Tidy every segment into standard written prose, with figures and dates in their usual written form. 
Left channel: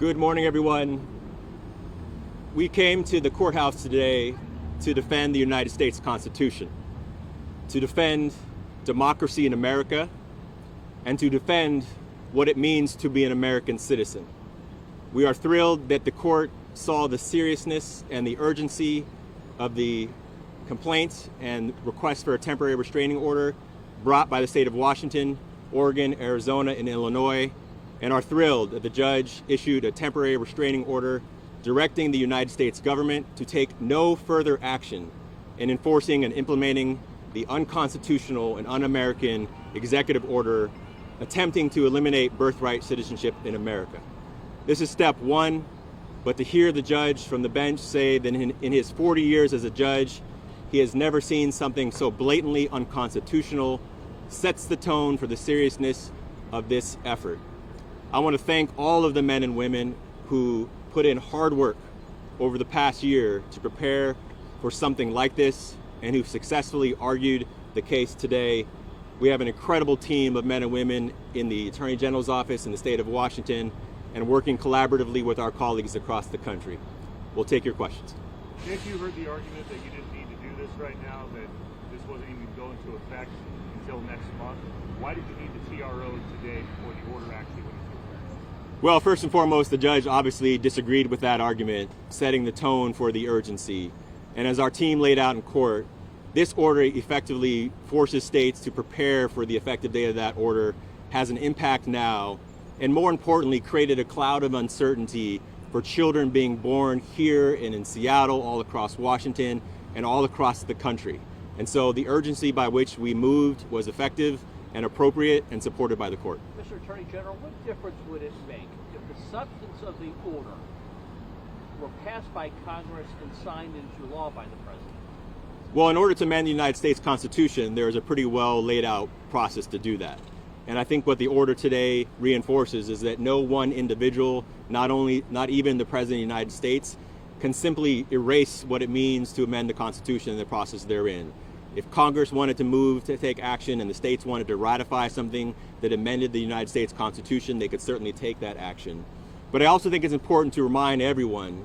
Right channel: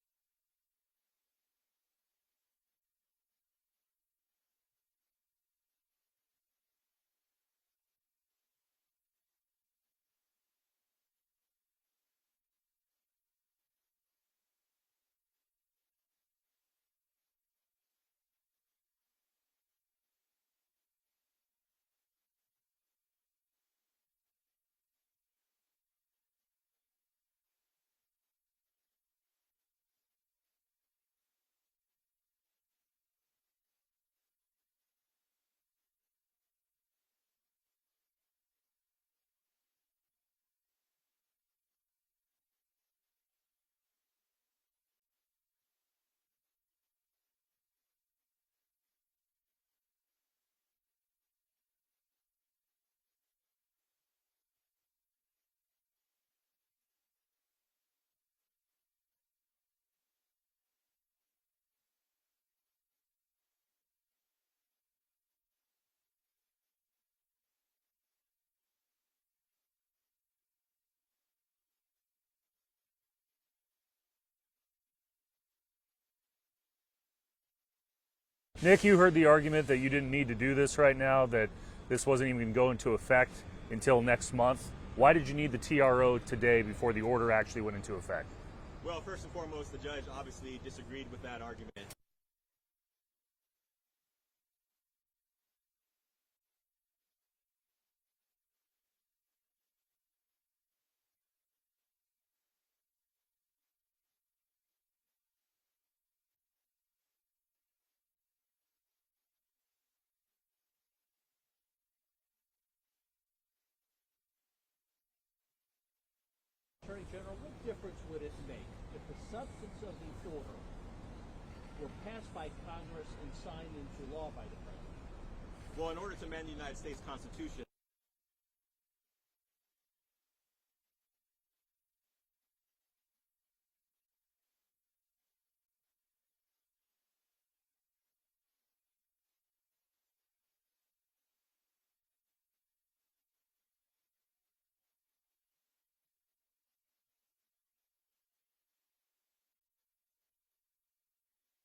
Good morning, everyone. We came to the courthouse today to defend the United States Constitution, to defend democracy in America, and to defend what it means to be an American citizen. We are thrilled that the court saw the seriousness and the urgency of the complaint and request for a temporary restraining order brought by the state of Washington, Oregon, Arizona, and Illinois, and are thrilled that the judge issued a temporary restraining order directing the United States government to take no further action in enforcing and implementing the unconstitutional and un-American executive order attempting to eliminate birthright citizenship in America. This is step one, but to hear the judge from the bench say that in his 40 years as a judge, he has never seen something so blatantly unconstitutional sets the tone for the seriousness of this effort. I want to thank all of the men and women who put in hard work over the past year to prepare for something like this and who successfully argued the case today. We have an incredible team of men and women in the Attorney General's office in the state of Washington and working collaboratively with our colleagues across the country. We'll take your questions. Nick, you heard the argument that you didn't need to do this right now, that this wasn't even going to go into effect until next month. Why did you need the TRO today before the order actually went into effect? Well, first and foremost, the judge obviously disagreed with that argument, setting the tone for the urgency. And as our team laid out in court, this order effectively forces states to prepare for the effective date of that order, has an impact now, and more importantly, created a cloud of uncertainty for children being born here and in Seattle, all across Washington, and all across the country. And so the urgency by which we moved was effective and appropriate and supported by the court. Mr. Attorney General, what difference would it make if the substance of the order were passed by Congress and signed into law by the President? Well, in order to amend the United States Constitution, there is a pretty well laid out process to do that. And I think what the order today reinforces is that no one individual, not even the President of the United States, can simply erase what it means to amend the Constitution and the process therein. If Congress wanted to move to take action and the states wanted to ratify something that amended the United States Constitution, they could certainly take that action. But I also think it's important to remind everyone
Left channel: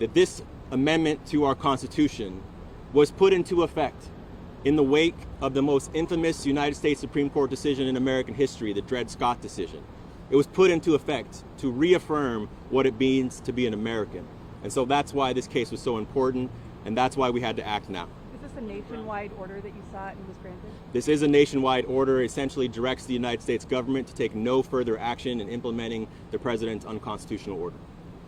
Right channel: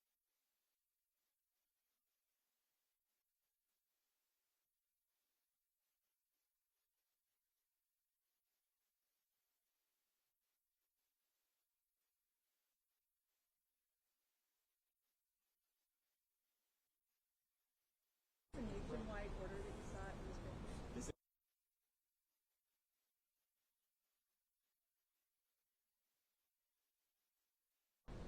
that this amendment to our Constitution was put into effect in the wake of the most infamous United States Supreme Court decision in American history, the Dred Scott decision. It was put into effect to reaffirm what it means to be an American. And so that's why this case was so important, and that's why we had to act now. Is this a nationwide order that you sought and was granted? This is a nationwide order. It essentially directs the United States government to take no further action in implementing the president's unconstitutional order.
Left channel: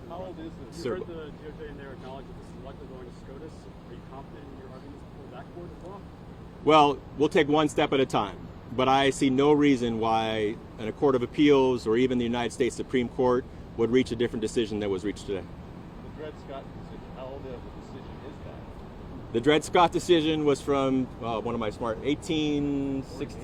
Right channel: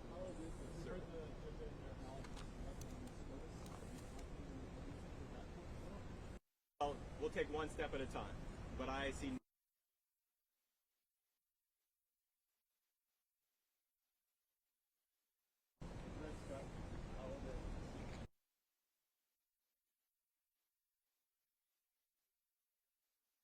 How old is this? You heard the DOJ in there acknowledge that this is likely going to SCOTUS. Are you confident in your arguments before that court as well? Well, we'll take one step at a time, but I see no reason why a court of appeals or even the United States Supreme Court would reach a different decision that was reached today. The Dred Scott decision, how old of a decision is that? The Dred Scott decision was from, 1860?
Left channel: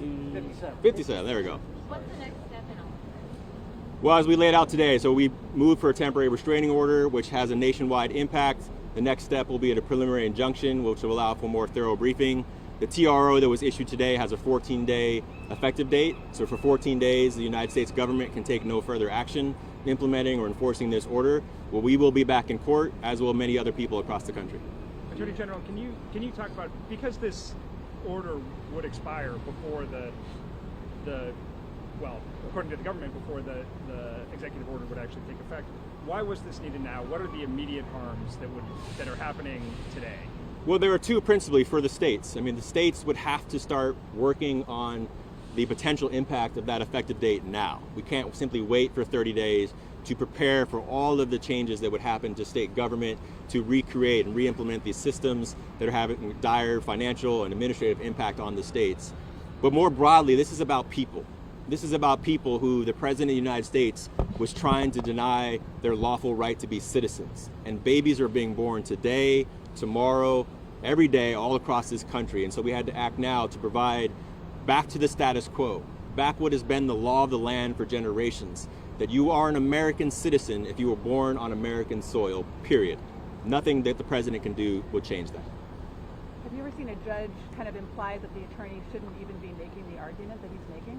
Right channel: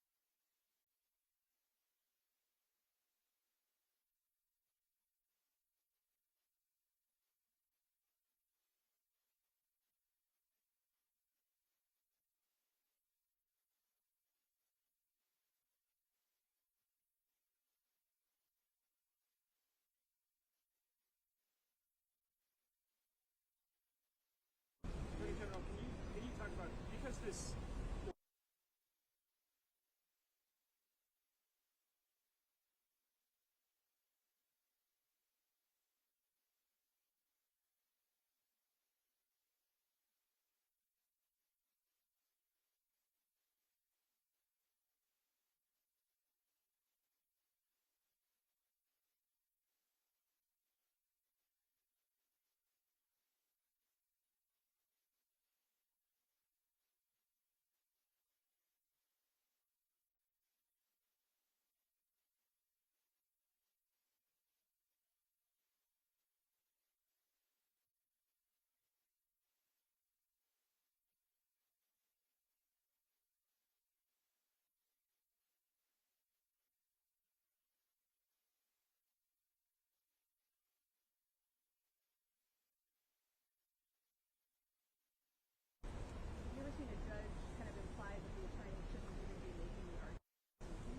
57, there we go. What's the next step in all this? Well, as we laid out today, so we moved for a temporary restraining order, which has a nationwide impact. The next step will be a preliminary injunction, which will allow for more thorough briefing. The TRO that was issued today has a 14-day effective date. So for 14 days, the United States government can take no further action implementing or enforcing this order. Well, we will be back in court, as will many other people across the country. Attorney General, can you talk about, because this order would expire before well, according to the government, before the executive order would actually take effect, why was this needed now? What are the immediate harms that are happening today? Well, there are two principally for the states. I mean, the states would have to start working on the potential impact of that effective date now. We can't simply wait for 30 days to prepare for all of the changes that would happen to state government to recreate and re-implement these systems that are having dire financial and administrative impact on the states. But more broadly, this is about people. This is about people who the President of the United States was trying to deny their lawful right to be citizens. And babies are being born today, tomorrow, every day, all across this country. And so we had to act now to provide back to the status quo, back what has been the law of the land for generations, that you are an American citizen if you were born on American soil, period. Nothing that the president can do will change that. Have you ever seen a judge kind of imply that the attorney shouldn't even be making the argument that he's making?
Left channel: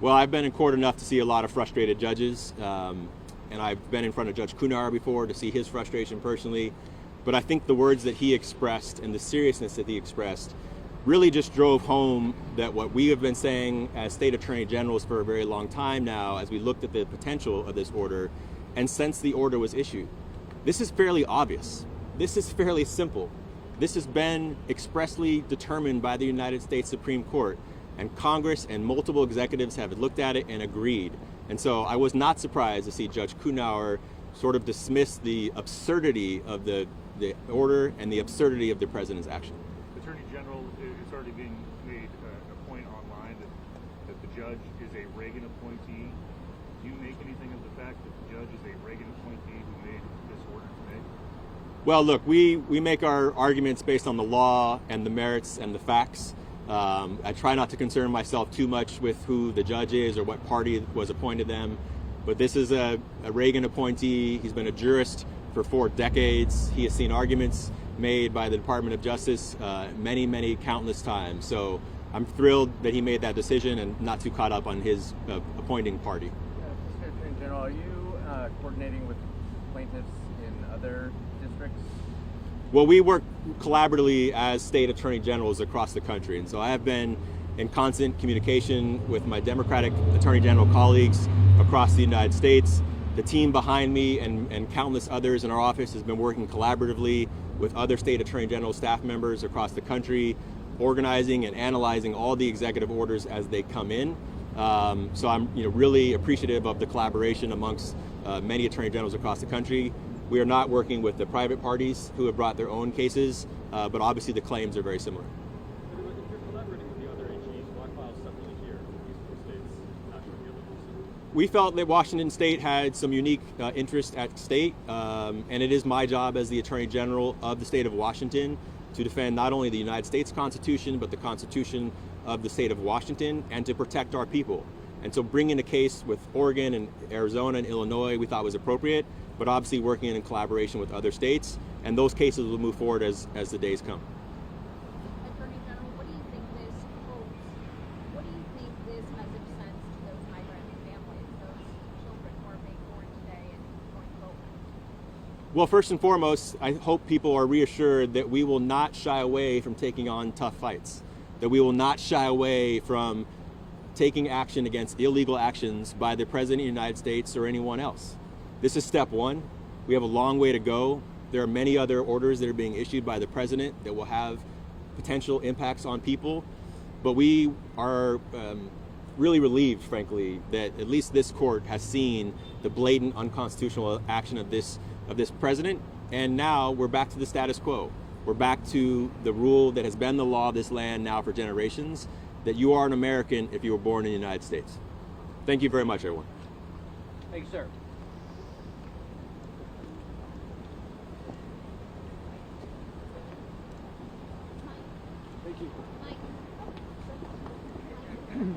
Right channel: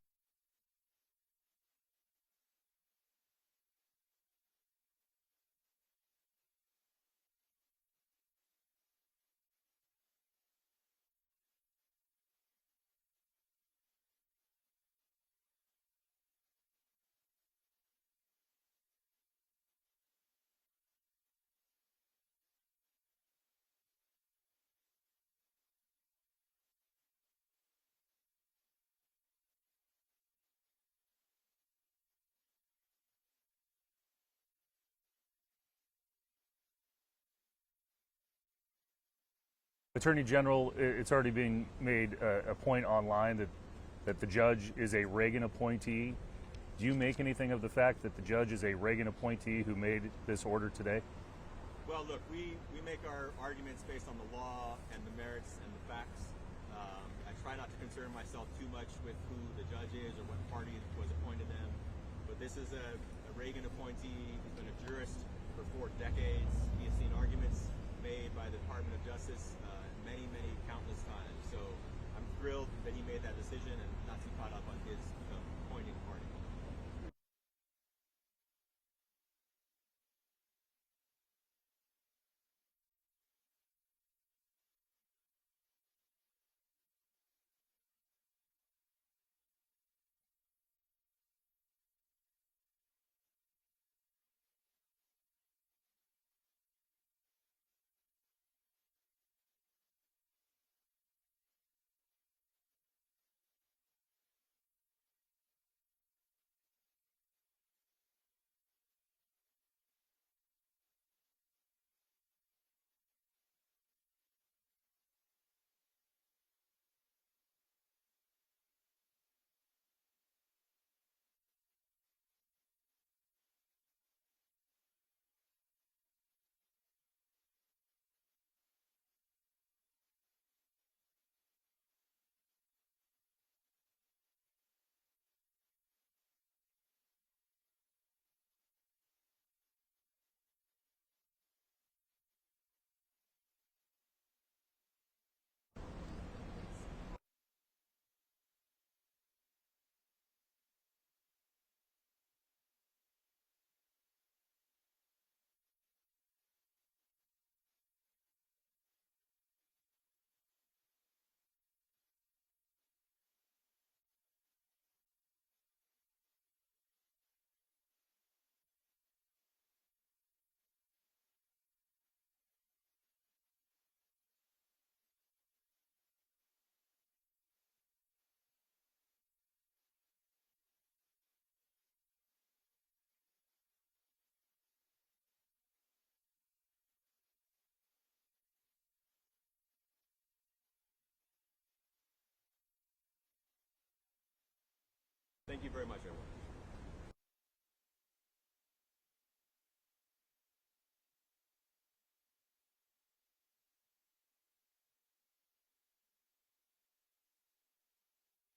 Well, I've been in court enough to see a lot of frustrated judges. and I've been in front of Judge Kunar before to see his frustration personally. But I think the words that he expressed and the seriousness that he expressed really just drove home that what we have been saying as state attorney generals for a very long time now, as we looked at the potential of this order, and since the order was issued. This is fairly obvious. This is fairly simple. This has been expressly determined by the United States Supreme Court, and Congress and multiple executives have looked at it and agreed. And so I was not surprised to see Judge Kunar sort of dismiss the absurdity of the order and the absurdity of the president's action. Attorney General, it's already being made a point online that the judge is a Reagan appointee. Do you make anything of the fact that the judge is a Reagan appointee who made this order today? Well, look, we make our arguments based on the law and the merits and the facts. I try not to concern myself too much with who the judge is or what party was appointed them. But this is a Reagan appointee. He's been a jurist for 4 decades. He has seen arguments made by the Department of Justice many, countless times. So I'm thrilled that he made that decision and not too caught up on his appointing party. Mr. Attorney General, are you coordinating with plaintiffs in other districts? Well, we work collaboratively as state attorney generals across the country. And so I have been in constant communication with my Democratic attorney general colleagues across the United States. The team behind me and countless others in our office has been working collaboratively with other state attorney general staff members across the country, organizing and analyzing all the executive orders as they come in. So I'm really appreciative of the collaboration amongst many attorney generals across the country. We are not working with the private parties who have brought their own cases, but obviously the claims are very similar. But if you're collaborating with the other AGs, why file separately here with these 4 states not showing the other? We felt that Washington State had some unique interest at stake, and it is my job as the Attorney General of the state of Washington to defend not only the United States Constitution, but the Constitution of the state of Washington, and to protect our people. And so bringing a case with Oregon and Arizona and Illinois we thought was appropriate, but obviously working in collaboration with other states, and those cases will move forward as the days come. Attorney General, what do you think this holds? What do you think this message sends to those migrant families, those children who are being born today and going forward? Well, first and foremost, I hope people are reassured that we will not shy away from taking on tough fights, that we will not shy away from taking action against illegal actions by the President of the United States or anyone else. This is step one. We have a long way to go. There are many other orders that are being issued by the President that will have potential impacts on people, but we are really relieved, frankly, that at least this court has seen the blatant unconstitutional action of this president, and now we're back to the status quo. We're back to the rule that has been the law of this land now for generations, that you are an American if you were born in the United States. Thank you very much, everyone. Thank you, sir.